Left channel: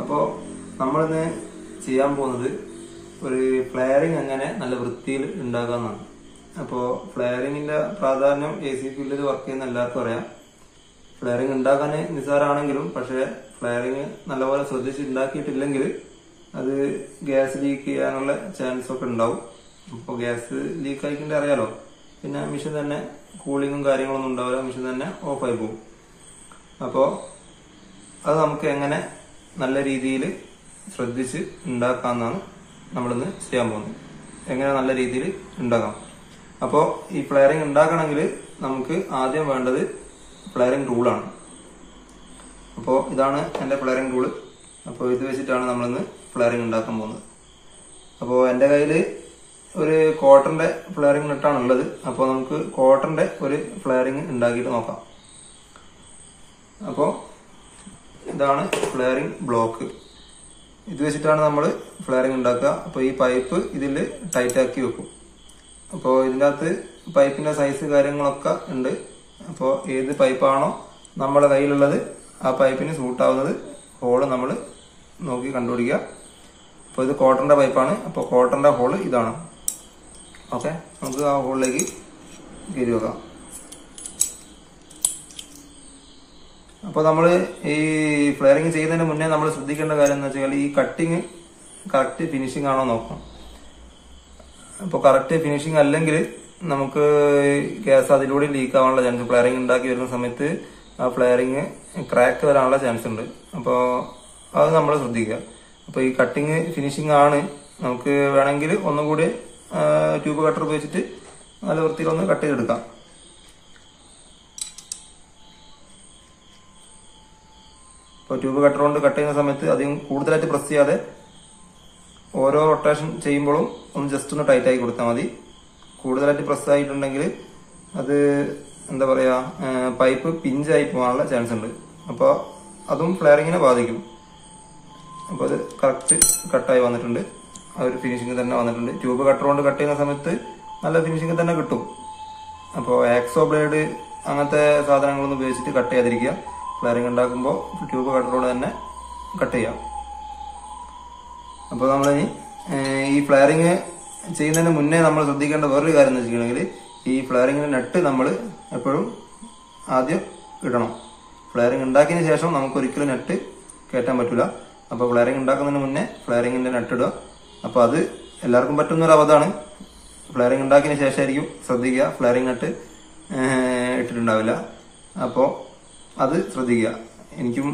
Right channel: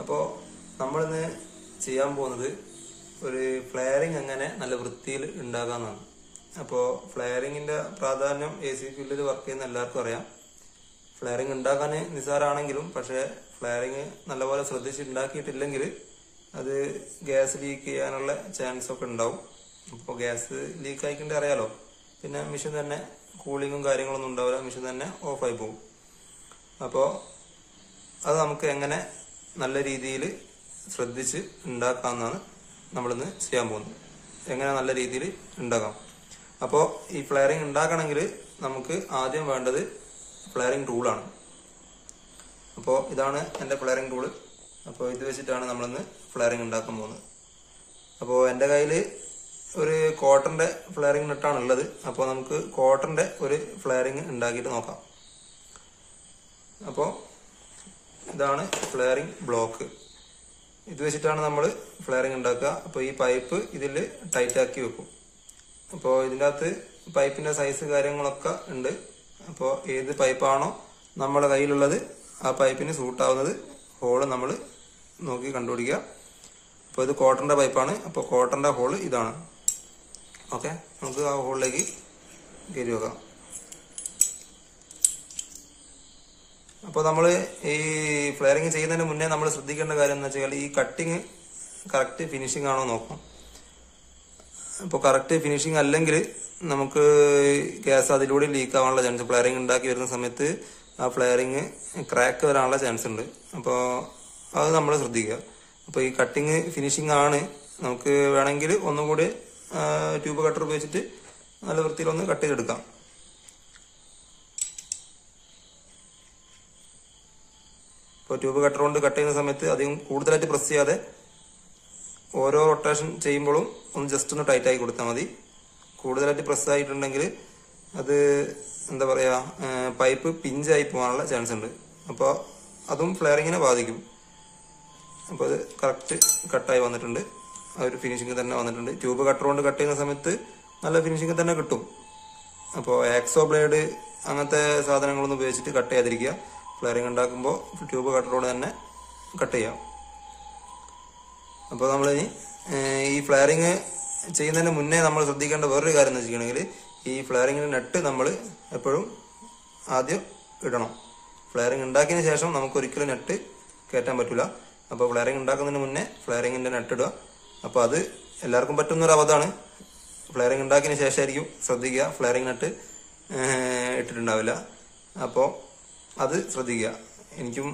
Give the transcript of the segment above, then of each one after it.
അപ്പോൾ നമ്മളിന്ന് ചെയ്യാൻ പോകുന്നത് ഒരു ഫ്ലെയറിംഗ് എങ്ങനെ നല്ല വൃത്തിയിൽ ഉണ്ടാക്കാമെന്നാണ്. അപ്പോൾ ഫ്ലെയറിങ്ങിന്റെ പ്രാധാന്യം AC ഫീൽഡിൽ വർക്ക് ചെയ്യുന്ന എല്ലാവർക്കും അറിയാം. ഫ്ലെയറിംഗ് ഉണ്ടാക്കാൻ നിസ്സാരാണെങ്കിലും പക്ഷേ ഫ്ലെയറിംഗ് നല്ലപോലെ ശ്രദ്ധിച്ച് ഉണ്ടാക്കിയിട്ടില്ലെങ്കിൽ അത് ഗ്യാസ് ലീക്ക് ചെയ്യാനുള്ള ചാൻസ് ഒക്കെ ഉണ്ടാവും. അപ്പോൾ ഗ്യാസ് ലീക്ക് ആയിക്കൊണ്ട് അറിയാലോ, പിന്നെ മെഷീൻ തന്നെ കൂളിങ്ങും കാര്യങ്ങളൊന്നും ഉണ്ടാവില്ല, മെഷീൻ തന്നെ ഓഫായി പോകും. അപ്പോൾ അത് നമുക്ക് എങ്ങനെ നല്ല രീതിയിൽ ശ്രദ്ധിച്ച് ഉണ്ടാക്കാമെന്നാണ് നമ്മളിന്ന് ചെയ്യാൻ പോകുന്നത്. എങ്ങനെ നല്ല രീതിയിൽ ഉണ്ടാക്കാം. അപ്പോൾ ഈ ഫ്ലെയറിംഗ് ഉണ്ടാക്കണമെങ്കിൽ നമുക്ക് ആദ്യം വേണ്ടത് ഫ്ലെയറിംഗ് റൂളാണ്. അപ്പോൾ ഇതാണ് എൻ്റെ ഫ്ലെയറിംഗ് റൂള്. അപ്പോൾ ഇത് വെച്ചിട്ടാണ് നമ്മളിന്ന് ഫ്ലെയറിംഗ് ഉണ്ടാക്കാൻ പോകുന്നത്. അപ്പോൾ എൻ്റെ കയ്യിൽ ഒരു കോട്ടന്റെ ഫ്ലെയറിംഗ് നെറ്റാണ് ഉള്ളത്. അപ്പോൾ നമുക്ക് കോട്ടന്റെ ഒരു ഫ്ലെയറിംഗ് ഉണ്ടാക്കിയിട്ട് നോക്കാം. അപ്പോൾ ഇതാണ് ഫ്ലെയറിംഗ് ബ്ലോക്ക്. ഇത് വെച്ചിട്ടാണ് നമ്മൾ ഫ്ലെയറിംഗ് ഉണ്ടാക്കുക. അപ്പോൾ ഈ പൈപ്പ് ഇതിൽ ടൈറ്റ് ആക്കി വെക്കും. അപ്പോൾ ഇതിൻ്റെ അകത്ത് പൈപ്പിന്റെ സൈസ് കാര്യങ്ങളൊക്കെ ഉണ്ട്. അപ്പോൾ ഏത് പൈപ്പാണോ നമ്മുടെ കയ്യിലുള്ളത് ആ പൈപ്പിന് സൂട്ടാവുന്നത് ഹോള് നമ്മൾ നോക്കി കണ്ടുപിടിക്കുക. അപ്പോൾ ഇത് കോട്ടന്റെ പൈപ്പാണ്. അപ്പോൾ കോട്ടന്റെ ഹോള് ഇതാണ്. ഓക്കെ, നമുക്ക് ആ ഹോളിലേക്ക് കയറി വെക്കാം. അപ്പോൾ നമ്മൾ ഈ ഫ്ലെയറിംഗ് ചെയ്യുന്നതിന് മുന്നേ നമ്മൾ ശ്രദ്ധിക്കേണ്ട കാര്യം എന്ന് വെച്ചാൽ ഈ കട്ടിങ് കറക്റ്റ് ഫിനിഷിംഗ് ആണോ നോക്കണം. അപ്പോൾ കറക്റ്റ് ഫിനിഷിംഗ് അല്ലെങ്കിൽ നമുക്ക് ഗ്യാസ് അതിലൂടെ ലീക്ക് ആവാനുള്ള ചാൻസ്, ഫ്ലെയറിംഗ് ഉണ്ടാക്കി വരുന്ന സമയത്ത് ആ ഫ്ലെയറിംഗ് ക്രാക്ക് വരാനുള്ള ചാൻസ് ഉണ്ട്. അപ്പോൾ അത് നമ്മൾ ശ്രദ്ധിക്കുക. അപ്പോൾ ഈ കട്ടിങ് ഫിനിഷിംഗ് ആണ്. നമുക്ക് വേണമെങ്കിൽ ഒന്നും കൂടി ട്യൂബ് കട്ടർ ഉപയോഗിച്ചിട്ട് നല്ല വൃത്തിയിലൊന്ന് കട്ട് ചെയ്തെടുക്കാം. ഇപ്പോൾ ട്യൂബ് കട്ടർ കൊണ്ട് കട്ട് ചെയ്യുന്ന സമയത്ത് അധികം കൂടുതലായിട്ട് പ്രസ് ചെയ്യാതെ ഓരോ റൊട്ടേഷൻ ചെയ്യുമ്പോഴും ഒന്ന് ജസ്റ്റ് ഒന്ന് ടൈറ്റ് ആക്കി കൊടുത്താൽ മതി. കൂടുതലായിട്ട് പ്രസ് ആയിട്ടുണ്ടെങ്കിൽ അത് എന്താ പറയുക, പൈപ്പ് പിഞ്ചായി പോകാനുള്ള ചാൻസ് ഉണ്ട്. അപ്പോൾ അതും ഫ്ലെയറിങ്ങിനെ ബാധിക്കും. അപ്പോൾ അത് കറക്റ്റ് കട്ടായി വന്നിട്ടുണ്ട്. ആ ഒരു ഫിനിഷിംഗ് തന്നെ വന്നിട്ടുണ്ട്. ട്യൂബ് കട്ടർ കൊണ്ട് കട്ട് ചെയ്യുന്ന സമയത്ത് നല്ല ഫിനിഷിംഗ് തന്നെ കിട്ടും. അപ്പോൾ ആക്സോ ബ്ലേഡ് അങ്ങനത്തെ സാധനങ്ങളൊന്നും ഉപയോഗിച്ചിട്ട് കട്ട് ചെയ്യാതിരിക്കുക. ഫ്ലെയറിംഗ് ഉണ്ടാക്കുമ്പോൾ ട്യൂബ് കട്ടറോട് തന്നെ കട്ട് ചെയ്യാം. അപ്പോൾ നമ്മൾ ഈ ഫ്ലെയറിംഗ് ചെയ്യുന്നതിന് മുന്നേ നമ്മൾ ശ്രദ്ധിക്കേണ്ട വേറൊരു കാര്യം എന്ന് വെച്ചിട്ടുണ്ടെങ്കിൽ ഈ ഫ്ലെയറിങ്ങിന്റെ നെറ്റ് നമ്മൾ എപ്പോഴും ആദ്യം ഇടണം. ഫ്ലെയറിംഗ് ഉണ്ടാക്കിയതിന് ശേഷം നമുക്ക് ഒരിക്കലും നെറ്റ് കയറ്റാൻ പറ്റില്ല. അപ്പോൾ ഫ്ലെയറിംഗ് ഉണ്ടാക്കുന്നതിന് മുന്നേ ഫ്ലെയറിങ്ങിന്റെ നെറ്റ് ഇടുക. അപ്പോൾ അത് എല്ലാവർക്കും പറ്റുന്നൊരു അവധാണ്. ഫ്ലെയറിംഗ് ഉണ്ടാക്കിയതിന് ശേഷമായിരിക്കും ശ്രദ്ധിക്കുക. ഫ്ലെയറിംഗ് നെറ്റ് ഇട്ടിട്ടുണ്ടാവില്ല. അപ്പോൾ അത് ശ്രദ്ധിക്കുക. എനിക്കും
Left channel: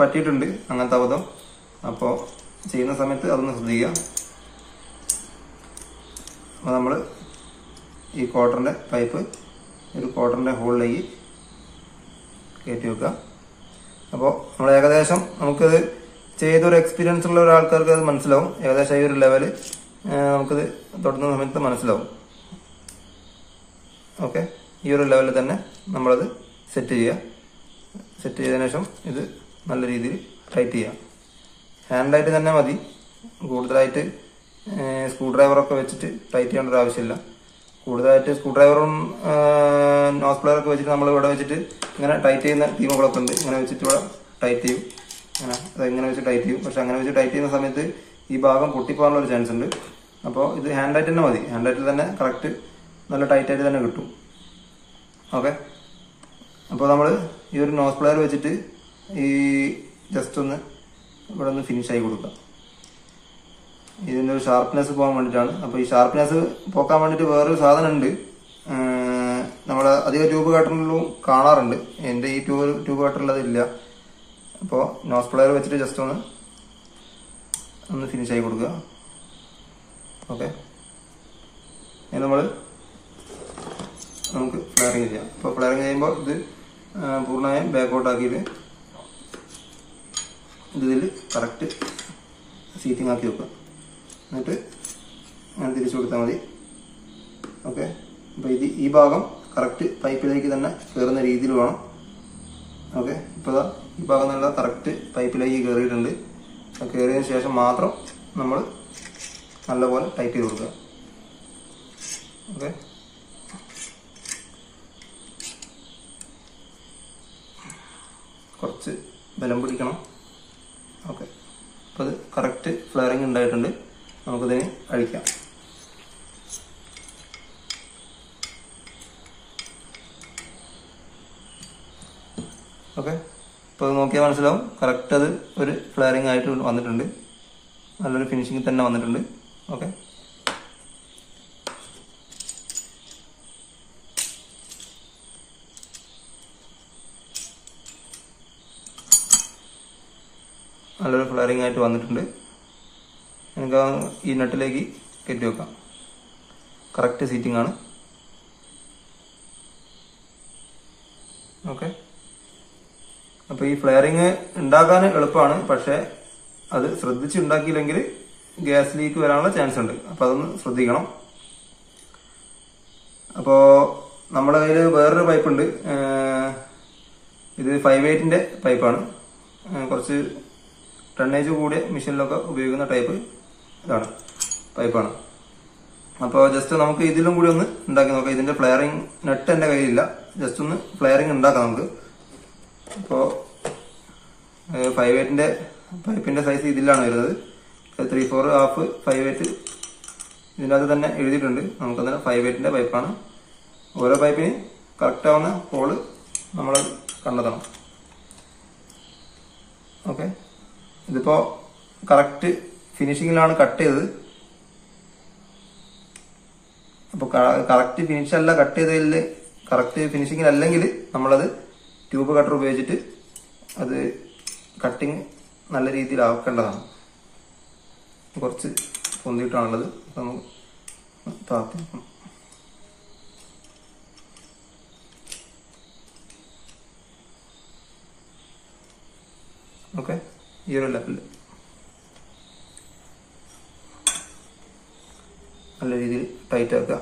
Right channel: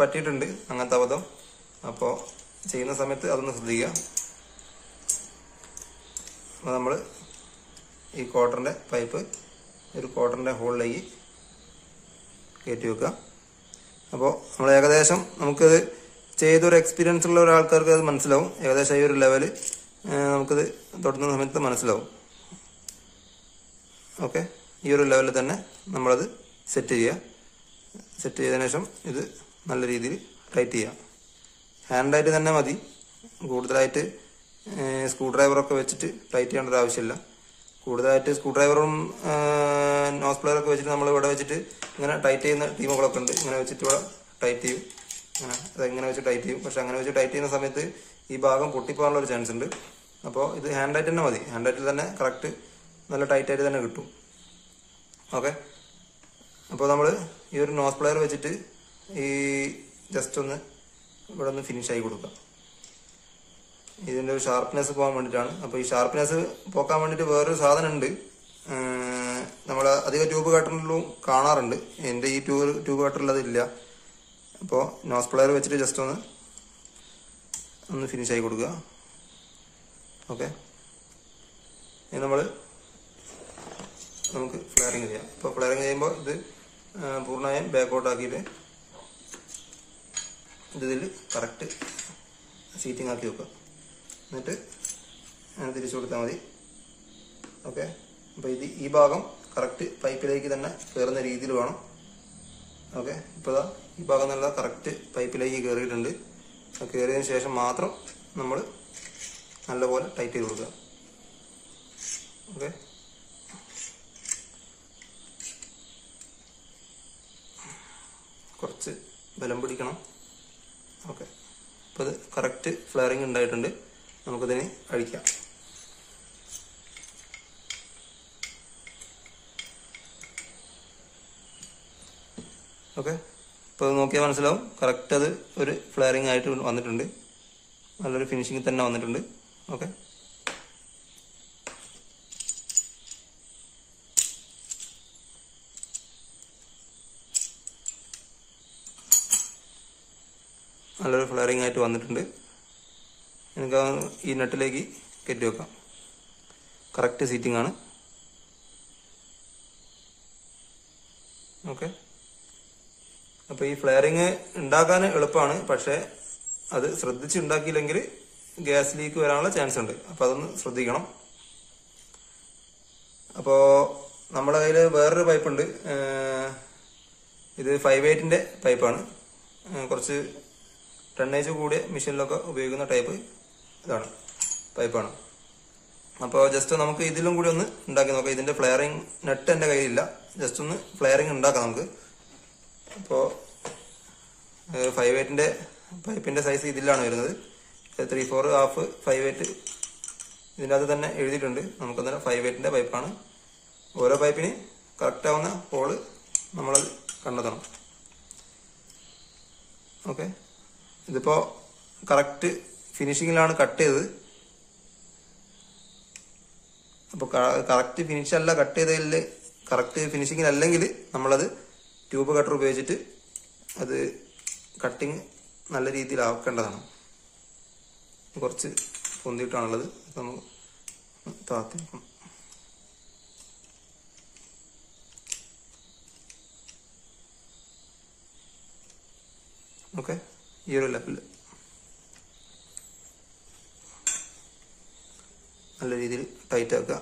പറ്റിയിട്ടുണ്ട് അങ്ങനത്തെ അബദ്ധം. അപ്പോൾ ചെയ്യുന്ന സമയത്ത് അതൊന്ന് ശ്രദ്ധിക്കുക. അപ്പോൾ നമ്മൾ ഈ കോട്ടന്റെ പൈപ്പ് ഒരു കോട്ടന്റെ ഹോളിലേക്ക് കയറ്റി വെക്കുക. അപ്പോൾ നമ്മൾ ഏകദേശം നമുക്കത് ചെയ്തൊരു എക്സ്പീരിയൻസ് ഉള്ള ഒരാൾക്കാർക്ക് അത് മനസ്സിലാവും. ഏകദേശം ഈ ഒരു ലെവല് നമുക്കത് തൊടുന്ന സമയത്ത് മനസ്സിലാവും. ഓക്കെ, ഈ ഒരു ലെവലിൽ തന്നെ നമ്മളത് സെറ്റ് ചെയ്യുക. സെറ്റ് ചെയ്തതിനു ശേഷം ഇത് നല്ല രീതിയിൽ ടൈറ്റ് ചെയ്യാം. ഹാൻഡായിട്ട് തന്നെ മതി. കൂടുതലായിട്ട് സ്ക്രൂ ഡ്രൈവറൊക്കെ വെച്ചിട്ട് ടൈറ്റ് ചെയ്യേണ്ട ഒരു ആവശ്യമില്ല. കൂടുതലായിട്ട് സ്ക്രൂ ഡ്രൈവറും നോസ് പ്ലെയറൊക്കെ വെച്ചിട്ട് നമ്മൾ ഇവിടെ വെച്ചിട്ട് ഇങ്ങനെ ടൈറ്റ് ചെയ്യുന്ന ടീമുകളൊക്കെ ഉണ്ട്. ഇങ്ങനെ വെച്ചിട്ട് ഇവിടെ ടൈറ്റ് ചെയ്യും. അതെങ്ങനെ വെച്ച് ടൈറ്റ് ചെയ്യും. പക്ഷെ അങ്ങനെ വെച്ച് ടൈറ്റ് ചെയ്യുന്ന സമയത്ത് ഈ ഭാഗം പൊട്ടിപ്പോകാനുള്ള ഒരു ചാൻസ് ഉണ്ട്. അപ്പോൾ ഇത് ഹാൻഡായിട്ട് തന്നെ മതി. ഹാൻഡായിട്ട് തന്നെ കറക്റ്റ് നല്ല ടൈറ്റായിട്ട് തന്നെ കിട്ടും. ഓക്കെ, അപ്പോൾ നമ്മൾ ഈ ഒരു നോസ് പ്ലെയർ വെച്ചിട്ട് ഈ ജസ്റ്റ് ഒന്ന് ഇവിടെ ഒന്ന് ഫിനിഷ് ആയി കൊടുക്കാം. ഇതിൻ്റെ ഒരു ഷാർപ്നെസ് പോകാൻ വേണ്ടിയിട്ടാണ്. അപ്പോൾ ഈ ഷാർപ്നെസ് പോക്കാൻ വേണ്ടിയിട്ട് വേറൊരു സാധനം ഉണ്ട്. നമ്മൾ അധികം ട്യൂബ് കട്ടറിലും കാണാറുണ്ട്. എൻ്റെ ഈ ട്യൂബ് കട്ടറിൽ അതില്ല. അപ്പോൾ നോസ് പ്ലെയർ വെച്ചിട്ട് ജസ്റ്റ് ഒന്ന് ഫിനിഷ് ആയി കൊടുക്കുക. ഓക്കെ, ഇനി നമുക്ക് ഫ്ലെയറിങ് ചെയ്യാം. അപ്പോൾ ഫ്ലെയറിങ് ചെയ്യുമ്പോൾ ഇത് പൂർണ്ണമായും ബാക്കൗട്ട് ആക്കിയിട്ട് ഇതിൽ കറക്റ്റ് സീറ്റിംഗ് ആക്കി വെക്കുക. എന്നിട്ട് തിരിച്ചു കൊടുത്താൽ മതി. ഓക്കെ, അപ്പോൾ ഈ ഭാഗം കറക്റ്റ് പൈപ്പിലേക്ക് തന്നെ കയറുന്ന രീതിയിൽ വേണം. ഓക്കെ, ഇപ്പോൾ ഈ ഭാഗം നല്ല കറക്റ്റ് പൈപ്പിലേക്ക് കയറിയിട്ടുണ്ട്. കയറിയതിന് ശേഷം മാത്രം നമ്മൾ നല്ലപോലെ ടൈറ്റ് ചെയ്ത് കൊടുക്കുക. ഓക്കെ, കുറച്ച് ബലം പിടിക്കണം. ഓക്കെ. അപ്പോൾ അത് കറക്റ്റ് ഫ്ലെയറിങ് ഉണ്ടായിട്ടുണ്ട്. നമുക്കിതിന് അഴിക്കാം. ഓക്കെ, ഇപ്പോൾ അത് നോക്കിയാൽ മനസ്സിലാവും കറക്റ്റ് അത് ഒരു ഫ്ലെയറിങ് ആയിട്ട് വന്നിട്ടുണ്ട്. നല്ലൊരു ഫിനിഷിങ് തന്നെ വന്നിട്ടുണ്ട്. ഓക്കെ, നല്ലൊരു ഫ്ലെയറിങ് ആയിട്ട് വന്നിട്ടുണ്ട്. എനിക്ക് ഈ നട്ടിലേക്ക് കയറ്റി വെക്കാം. കറക്റ്റ് സീറ്റിംഗ് ആണ്. ഓക്കെ, അപ്പോൾ ഈ ഫ്ലെയറിങ് ഉണ്ടാക്കാൻ എളുപ്പമാണ്. പക്ഷെ അത് ശ്രദ്ധിച്ച് ഉണ്ടാക്കിയില്ലെങ്കിൽ ഗ്യാസ് ലീക്ക് വരാനുള്ള ചാൻസ് ഉണ്ട്. അപ്പോൾ അതൊന്ന് ശ്രദ്ധിക്കണം. അപ്പോൾ നമ്മുടെ കയ്യിൽ വേറൊരു പൈപ്പ് ഉണ്ട്. ഇത് 5/8 പൈപ്പാണ്. കുറച്ച് ടണ്ണേജ് കൂടിയ മെഷീനിലൊക്കെ ഉപയോഗിക്കുന്ന ടൈപ്പ് ഇതാണ് പൈപ്പാണ്. അപ്പോൾ ജസ്റ്റ് നമുക്ക് ഇതിലും കൂടി ഒന്ന് ഉണ്ടാക്കി നോക്കാം. ഇതിന്റെ ഫ്ലെയറിങ് നെട്ട് എൻ്റെ കയ്യിലില്ല. ജസ്റ്റ് ഒന്ന് ഫ്ലെയറിങ് ഉണ്ടാക്കാം നമുക്ക്. അപ്പോൾ 5/8 പൈപ്പിന്റെ സൈസ് ഇതിലാണ് വരുന്നത്. 3/4 ഹാഫ് 5/8 ഇതിൻ്റെ അകത്ത് തന്നെ എഴുതിയിട്ടുണ്ട്. നമുക്കതിന് 5/8 പൈപ്പാണ്. ഓരോ പൈപ്പിന് കറക്റ്റ് ആവുന്ന ഹോള് നമ്മൾ കണ്ടെത്തണം. ഓക്കെ, ഇതിപ്പോ കറക്റ്റ് ഫിനിഷിങ്ങിലാണ് കട്ട് ചെയ്തത്. അപ്പൊ കറക്റ്റ് ഫിനിഷ് അല്ല കട്ട് ചെയ്തതിൽ, കറക്റ്റ് ഫിനിഷിങ്ങിൽ അല്ലെങ്കിൽ നമ്മളത് ട്യൂബ് കട്ടർ ഉപയോഗിച്ചിട്ട് അത് കട്ടിങ് നല്ല രീതിയിൽ ആക്കേണ്ടതാണ്. കുറച്ച് പൊന്തിയിട്ടാണുള്ളത്. നമുക്ക് താത്തി ഓക്കെ, ഈ ഒരു ലെവലിൽ നല്ല രീതിയിൽ ടൈറ്റ് ആക്കുക.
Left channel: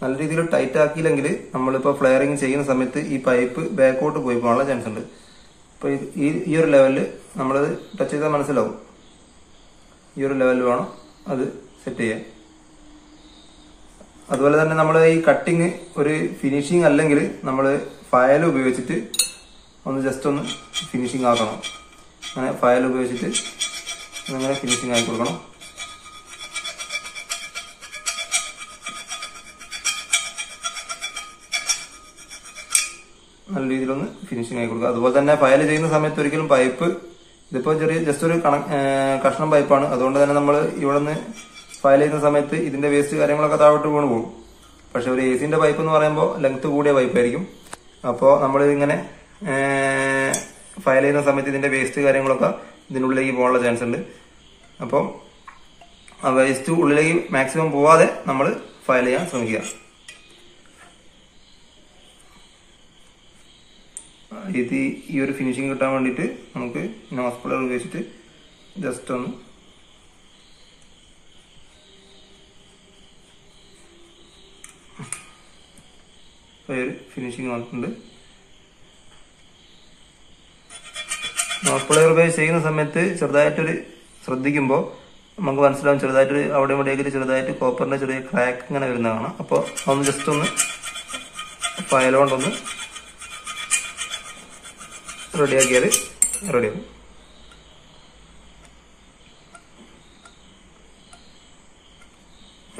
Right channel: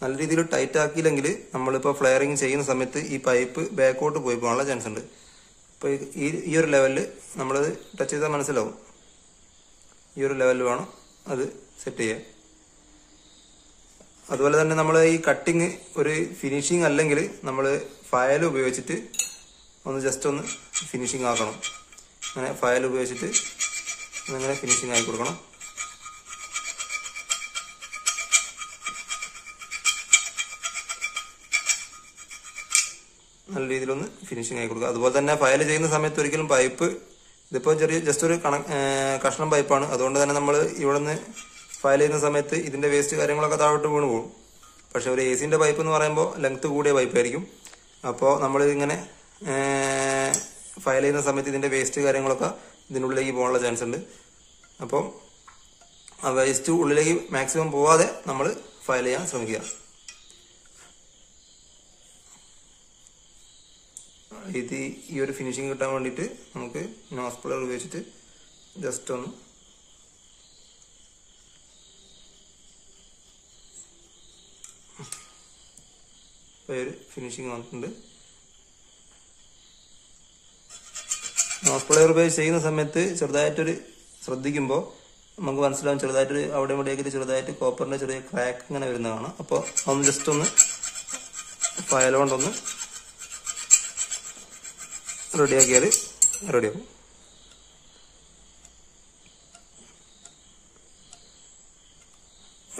നല്ല രീതിയിൽ ടൈറ്റ് ആക്കിയില്ലെങ്കിൽ നമ്മളിപ്പോൾ ഫ്ലെയറിങ് ചെയ്യുന്ന സമയത്ത് ഈ പൈപ്പ് ബാക്കോട്ട് പോയി പോകാനുള്ള ചാൻസ് ഉണ്ട്. ഇപ്പോൾ ഈ ഒരു ലെവലിൽ നമ്മളത് ടച്ച് ചെയ്താൽ മനസ്സിലാവും. ഈ ഒരു ലെവലിൽ വേണം അത് സെറ്റ് ചെയ്യാൻ. അതുപോലെ തന്നെ നമ്മൾ ഈ കട്ടിങ് ഒരു ഫിനിഷിങ് അല്ലെങ്കിൽ നമ്മൾ ഫയൽ ഉപയോഗിച്ചിട്ട് ഒന്ന് ജസ്റ്റ് ഒന്ന് ഫിനിഷിങ് ആക്കണം. അങ്ങനെ ഫയൽ ഉപയോഗിച്ചിട്ട് അങ്ങനെ ഫിനിഷിങ് ആക്കി കൊടുക്കണം. നല്ല രീതിയിലൊന്ന് ഫിനിഷിങ് ആക്കി കൊടുക്കുക. അതുപോലെ തന്നെ ഫയൽ ചെയ്യുന്ന സമയത്ത് ഒരിക്കലും പൈപ്പ്, ഇതിപ്പോൾ ചെറിയ ജസ്റ്റ് ഒരു കഷ്ണം പൈപ്പാണ്. അതുകൊണ്ട് തന്നെ നമ്മൾ ഇവിടെ നിന്ന് ഫയൽ ചെയ്യുന്ന സമയത്ത് ഇതിന്റെ വേസ്റ്റ് കാര്യങ്ങളൊക്കെ താഴോട്ട് വീണ് പോകും. പക്ഷെ ഒരു AC പൈപ്പ് എന്ന് പറയുമ്പോൾ ലെങ്ത് കൂടിയ പൈപ്പായിരിക്കും. അപ്പോൾ നമ്മൾ ഇങ്ങനെ ഫയൽ ചെയ്യുന്ന സമയത്ത് ഇതിന്റെ വേസ്റ്റ് കാര്യങ്ങളൊക്കെ ഇതിനുള്ളിലേക്ക് പോകാനുള്ള ചാൻസ് ഉണ്ട്. അപ്പം ആ വേസ്റ്റ് ഉള്ളിലേക്ക് മാക്സിമം പോവാതെ നമ്മൾ ഫയൽ ചെയ്യാൻ ശ്രമിക്കുക. ഇത് ഈ ഒരു ഫിനിഷിങ് കിട്ടാൻ വേണ്ടിയിട്ട് നമുക്ക് നോസ് പ്ലെയർ ഉപയോഗിച്ചിട്ട് ജസ്റ്റ് ഒന്ന് ഒരു ഫിനിഷിങ് വന്നിട്ടുണ്ട്. നോസ് പ്ലെയർ ഉപയോഗിച്ച് ചെയ്യുന്ന സമയത്ത് ചെറുതായിട്ടൊരു ശ്രദ്ധിക്കുമ്പോൾ നമുക്ക് മനസ്സിലാവും, ചെറുതായിട്ട് അവിടെ ഇവിടെയൊക്കെ ചെറുതായിട്ട് കോപ്പറിന്റെ ചെറിയ ക്രാക്ക് ഇങ്ങനെ വരുന്നതാണ്. അപ്പോൾ ഒന്ന് ജസ്റ്റ് ഒന്ന് ഫയൽ കൊണ്ടൊന്ന് റെഡിയാക്കിയാൽ റെഡിയാവും.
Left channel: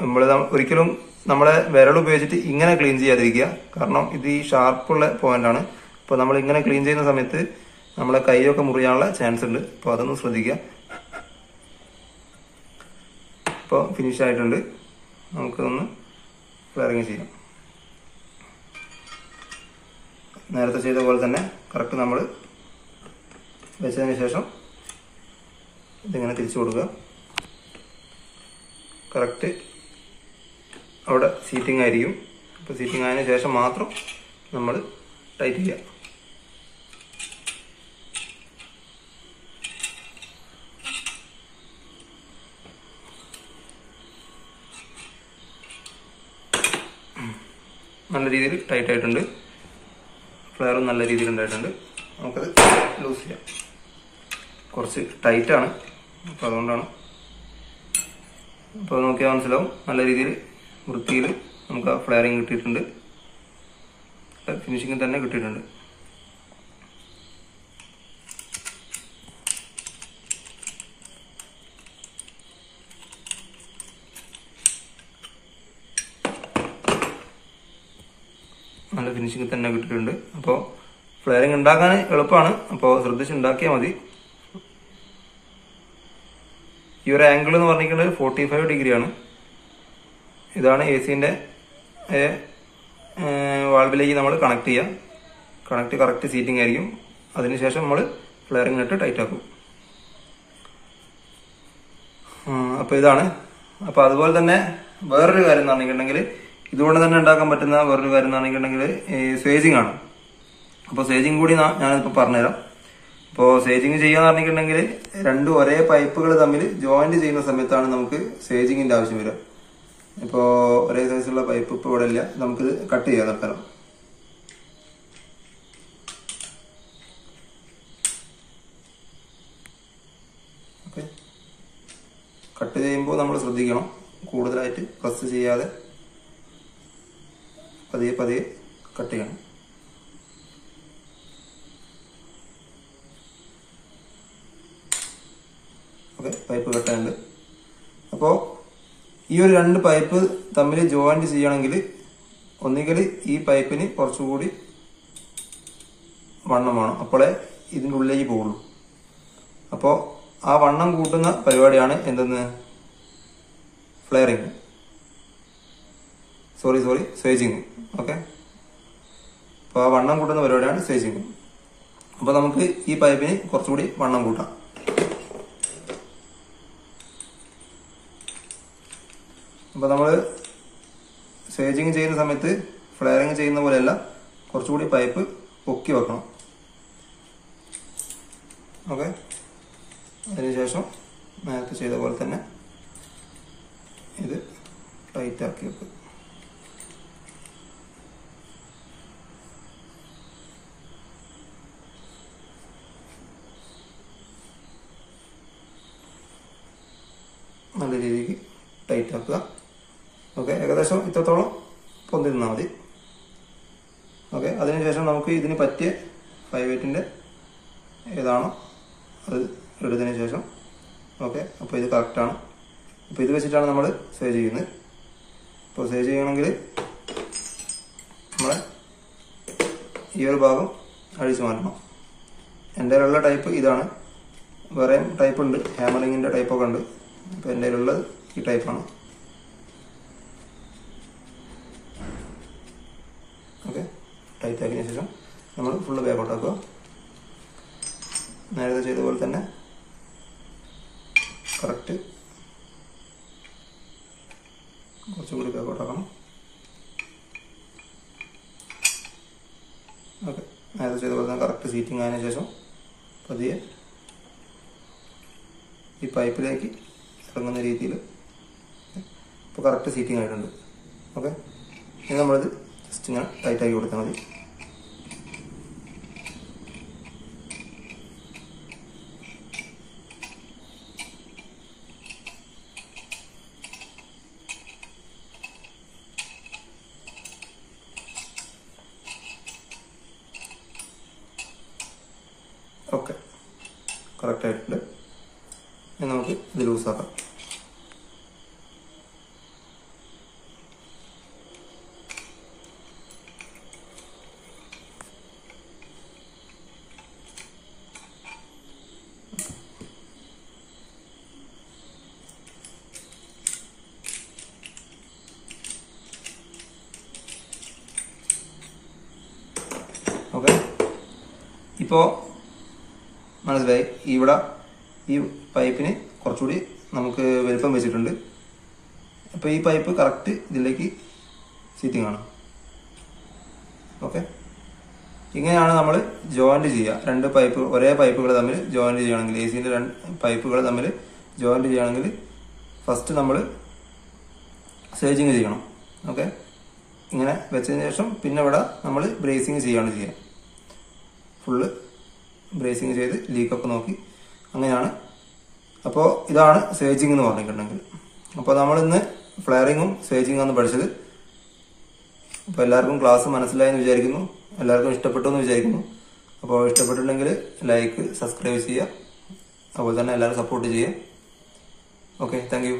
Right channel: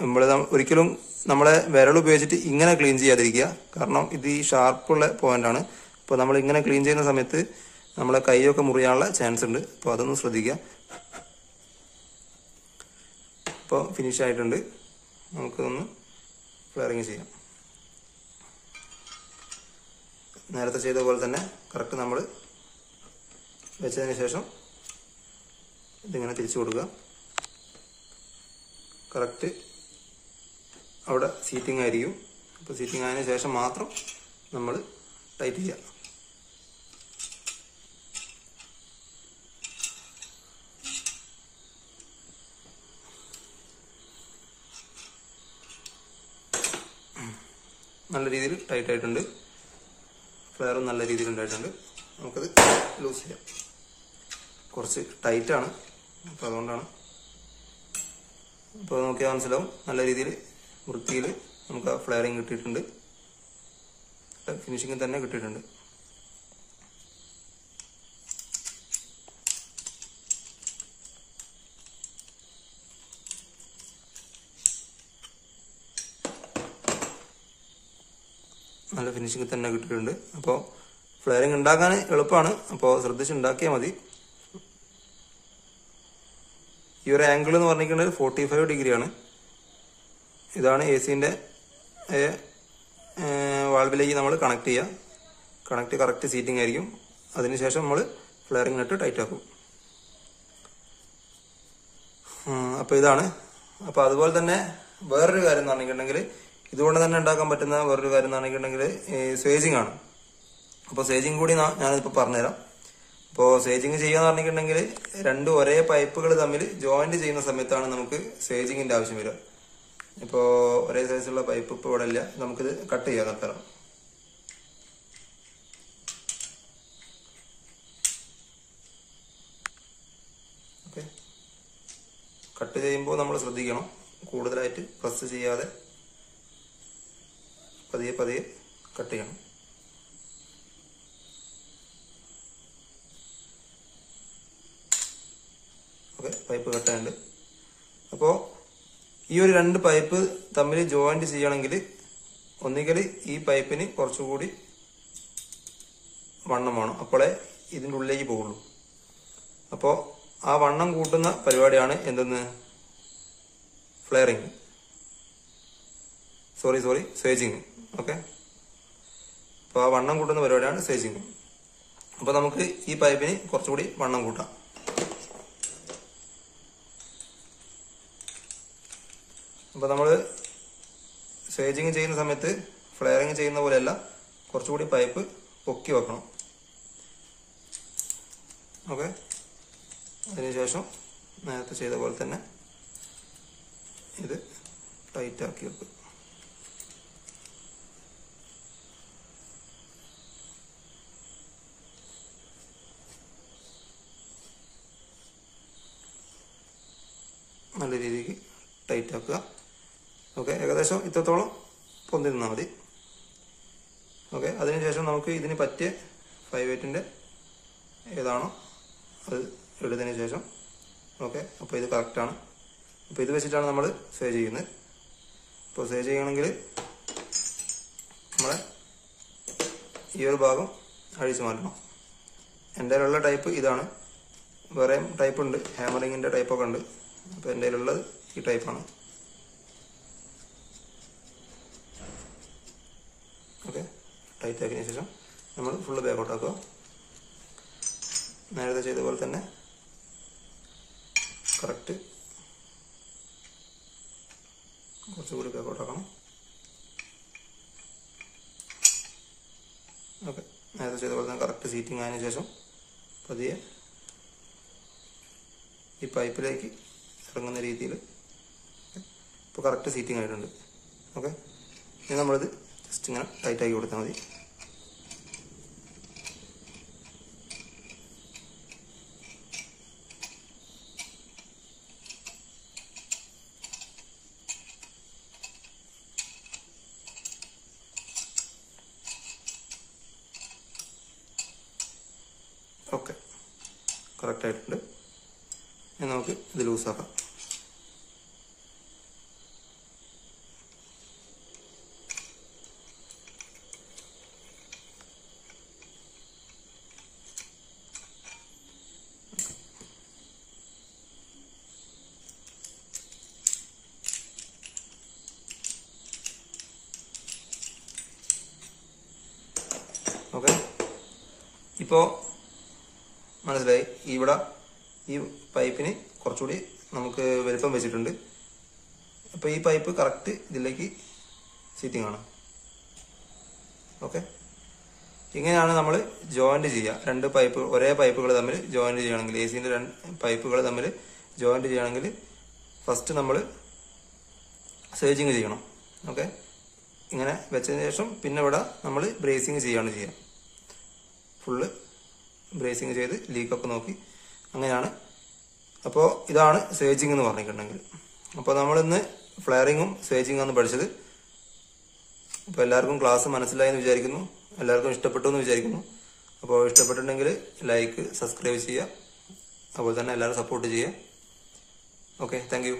നമ്മൾ ഒരിക്കലും നമ്മളെ വിരൽ ഉപയോഗിച്ചിട്ട് ഇങ്ങനെ ക്ലീൻ ചെയ്യാതിരിക്കുക. കാരണം ഇത് ഈ ഷാർപ്പുള്ള പോയിന്റാണ്. അപ്പോൾ നമ്മൾ ഇങ്ങനെ ക്ലീൻ ചെയ്യുന്ന സമയത്ത് നമ്മളെ കൈയൊക്കെ മുറിയാനുള്ള ചാൻസ് ഉണ്ട്. അപ്പോൾ അതൊന്ന് ശ്രദ്ധിക്കുക. ഇപ്പോൾ ഫിനിഷ് ആയിട്ടുണ്ട്. നമുക്കൊന്ന് ഫ്ലെയറിങ് ചെയ്യാം. നേരത്തെ ചെയ്ത പോലെ തന്നെ കറക്റ്റ് നമ്മൾ വെച്ചതിന് ശേഷം ഇതിങ്ങനെ തിരിച്ചു കൊടുക്കുക. കറക്റ്റ് അവിടെ സീറ്റിംഗ് ആയിരിക്കും. അപ്പോൾ സീറ്റിംഗ് ആയതിനു ശേഷം മാത്രം നമ്മൾ ടൈറ്റ് ചെയ്യുക. നല്ല രീതിയിൽ ടൈറ്റ് ആയിട്ടുണ്ട്. ഫ്ലെയറും നല്ല രീതിയിൽ ഉണ്ടായിട്ടുണ്ട്. നമുക്കത് ലൂസ് ചെയ്യാം. കുറച്ച് ടൈറ്റാണ്, അപ്പോൾ അതുകൊണ്ടാണ്. അപ്പോൾ നോക്കിയാൽ മനസ്സിലാവും നല്ല രീതിയിൽ വൃത്തിയിൽ നമുക്ക് ആ ഫ്ലെയറിങ് കിട്ടിയിട്ടുണ്ട്. ഫിനിഷിങ് തന്നെ കിട്ടിയിട്ടുണ്ട്. നല്ല ഫിനിഷിംഗ് തന്നെ കിട്ടിയിട്ടുണ്ട്. അപ്പോൾ ഫ്ലെയറിംഗ് ഉണ്ടാക്കാൻ എളുപ്പമാണ്, അപ്പോൾ ശ്രദ്ധിച്ച് ഉണ്ടാക്കിയാൽ മതി. ഈ ഒരു ആംഗിൾ എന്ന് പറഞ്ഞിട്ടുണ്ടെങ്കിൽ 45 ഡിഗ്രിയാണ്. ഇതാണ് AC-ന്റെ വാൾവിലേക്ക് നമ്മൾ കണക്ട് ചെയ്യുക. കണക്ട് കറക്റ്റ് സീറ്റിംഗ് ആയിരിക്കും. അതിനുശേഷം നമ്മൾ ഫ്ലെയറിംഗ് നെറ്റ് ടൈറ്റ് ആക്കും. അപ്പോൾ ഇതാണ്. അപ്പോൾ അതുപോലെ തന്നെ വേറൊരു കാര്യം എന്ന് പറഞ്ഞിട്ടുണ്ടെങ്കിൽ, ഇതുകൊണ്ട് തന്നെ ഉണ്ടാക്കാൻ പറ്റുന്ന വേറൊരു കാര്യം എന്ന് പറഞ്ഞിട്ടുണ്ടെങ്കിൽ സേജിങ് ആണ്. അപ്പോൾ സേജിങ് കൂടി ഞാനിപ്പോൾ പറഞ്ഞുതരാം. അപ്പോൾ സേജിങ് ചെയ്യാന്ന് പറഞ്ഞിട്ടുണ്ടെങ്കിൽ രണ്ട് ഒരേ പൈപ്പുകൾ തമ്മിൽ ജോയിന്റ് ചെയ്യുന്ന സമയത്താണ് നമുക്ക് സേജിങ്ങിന്റെ ആവശ്യം വരിക. ഇപ്പോൾ ഒരേ സൈസുള്ള പൈപ്പ് ഇപ്പോൾ ഇവിടെ ഇല്ല, നമുക്കിത് കട്ട് ചെയ്യാം തൽക്കാലം. ഓക്കെ, കട്ട് ചെയ്യുമ്പോൾ നമ്മൾ ശ്രദ്ധിക്കണം, കൂടുതലായിട്ട് പ്രസ് ചെയ്യാതെ പതിയെ പതിയെ കട്ട് ചെയ്യണം. ഓക്കെ, പൈപ്പ് കട്ടായുണ്ട്. അപ്പോൾ ഈ ഒരു രണ്ട് പൈപ്പ് തമ്മിൽ ജോയിന്റ് ചെയ്യണമെങ്കിൽ ഒന്നുകിൽ ഈ പൈപ്പിന് കുറച്ചുകൂടി വണ്ണം വേണം, അപ്പോഴേ ഇതിൻ്റെ ഉള്ളിലേക്ക് പോകുള്ളൂ. അപ്പോൾ ആ വണ്ണം കൂട്ടുന്ന പരിപാടിയാണ് എന്തെന്ന്, ഫ്ലെയറിങ്, സേജിങ്. ഓക്കെ, അപ്പോൾ ആ വണ്ണം കൂട്ടുന്ന പരിപാടിയാണ് സേജിങ്. അപ്പോൾ നമുക്ക് ഈ പൈപ്പിന് കുറച്ചുകൂടി വണ്ണം കൂട്ടാം. അപ്പോൾ നമ്മൾ സേജിങ് ചെയ്യുന്ന സമയത്ത് ഫ്ലെയറിങ് ചെയ്യുന്ന പോലെയല്ല, കുറച്ചുകൂടി പൈപ്പ് പൊക്കി വെക്കണം. ഓക്കെ, അതിനുശേഷം നേരത്തെ ചെയ്ത പോലെ തന്നെ ഇത് ടൈറ്റ് ആക്കി വെക്കും. നല്ല രീതിക്ക് ടൈറ്റ് ആക്കുക. ഓക്കെ, ഏകദേശം ഇത്രത്തോളം പൊന്തി നിന്നാൽ മതി. ഓക്കെ, അതിനുശേഷം നമുക്ക് ഇതിന് പറ്റിയ 5/8 ഏതാണോ അത് എടുത്തതിന് ശേഷം, ഓക്കെ, അപ്പോൾ ഇത് കറക്റ്റാണ്. അപ്പോൾ ഇത് വെച്ചിട്ടാണ് നമ്മൾ സേവ് ചെയ്യുന്നത്. അപ്പോൾ സേവ് ചെയ്യണമെങ്കിൽ നമ്മളെ ഈ ഒരു ഭാഗം അഴിച്ചു മാറ്റണം. എൻ്റെ കയ്യിലുള്ള ടൈപ്പ് ഇതാണ്. വേറെയും ടൈപ്പ് ഉണ്ട്, ഹാമറിങ്ങിൻ്റെ ടൈപ്പൊക്കെ ഉണ്ട്. അപ്പോൾ എൻ്റെ കയ്യിലുള്ളത് ഈ ടൈപ്പാണ്. ഓക്കെ, ടൈറ്റ് ആക്കിയതിന് ശേഷം നമ്മൾ ഫുള്ള് ബാക്കോട്ട് ആക്കുക. നേരത്തെ ചെയ്ത പോലെ തന്നെ കറക്റ്റ് കുറച്ചുകൂടി ബാക്കോട്ട് ആക്കണം. ഓക്കെ, നേരത്തെ ചെയ്ത പോലെ തന്നെ കറക്റ്റ് സീറ്റിംഗ് ആയതിനു ശേഷം പതിയെ ഈ പൈപ്പിലേക്ക് ഇറങ്ങുന്ന രീതിയിൽ ഇപ്പോൾ കറക്റ്റ് സീറ്റിംഗ് ആയിട്ടുണ്ട്. ഓക്കെ, ഇനി നമ്മളിത് ജസ്റ്റ് ഇങ്ങനെ ടൈറ്റ് ആക്കി കൊടുത്താൽ മതി. ഓക്കെ, കറക്റ്റ് ആയിട്ടുണ്ട്. ഇനി നമുക്ക് ഇത് ലൂസാക്കാം. ഓക്കെ, ഇപ്പോൾ മനസ്സിലായി. ഇവിടെ ഈ പൈപ്പിന് കുറച്ചുകൂടി നമുക്ക് വലുപ്പം വെച്ചിട്ടുണ്ട്. അപ്പോൾ ഈ പൈപ്പ് കറക്റ്റ് ഇതിലേക്ക് സീറ്റിംഗ് ആണ്. ഓക്കെ, ഇങ്ങനെയാണ് നമ്മൾ ജോയിന്റ് ചെയ്യുക. രണ്ട് പൈപ്പ് ഒരേ പൈപ്പുകൾ തമ്മിൽ ജോയിന്റ് ചെയ്യണമെങ്കിൽ, AC-ന്റെ രണ്ട് പൈപ്പുകൾ തമ്മിൽ ജോയിന്റ് ചെയ്യണമെങ്കിൽ ഫസ്റ്റ് നമ്മൾ സേജിങ് ചെയ്യണം. ഓക്കെ, ഇങ്ങനെ വെച്ചതിന് ശേഷം പിന്നെ ഇവിടെ നമ്മൾ ബ്രേസിങ് ചെയ്യാണ് ചെയ്യുക. ഫുള്ള് ബ്രേസിങ് ചെയ്ത് ലീക്കൊക്കെ നോക്കി അങ്ങനെയാണ്. അപ്പോൾ ഇതാണ് സേജിങ് എന്ന് പറഞ്ഞിട്ടുണ്ടെങ്കിൽ. അപ്പോൾ നമ്മളിന്ന് ഫ്ലെയറിങ്ങും സേജിങ്ങും പഠിച്ചത്. അപ്പോൾ എല്ലാവർക്കും ക്ലാസ് മനസ്സിലായെന്ന് വിചാരിക്കുന്നു, എല്ലാവർക്കും ഇഷ്ടപ്പെട്ടു എന്ന് വിചാരിക്കുന്നു. അപ്പോൾ ഇഷ്ടപ്പെട്ടിട്ടുണ്ടെങ്കിൽ ലൈക്ക്, സബ്സ്ക്രൈബ് ചെയ്യുക, അതുപോലെ തന്നെ എല്ലാവരും സപ്പോർട്ട് ചെയ്യുക. Okay, thank you.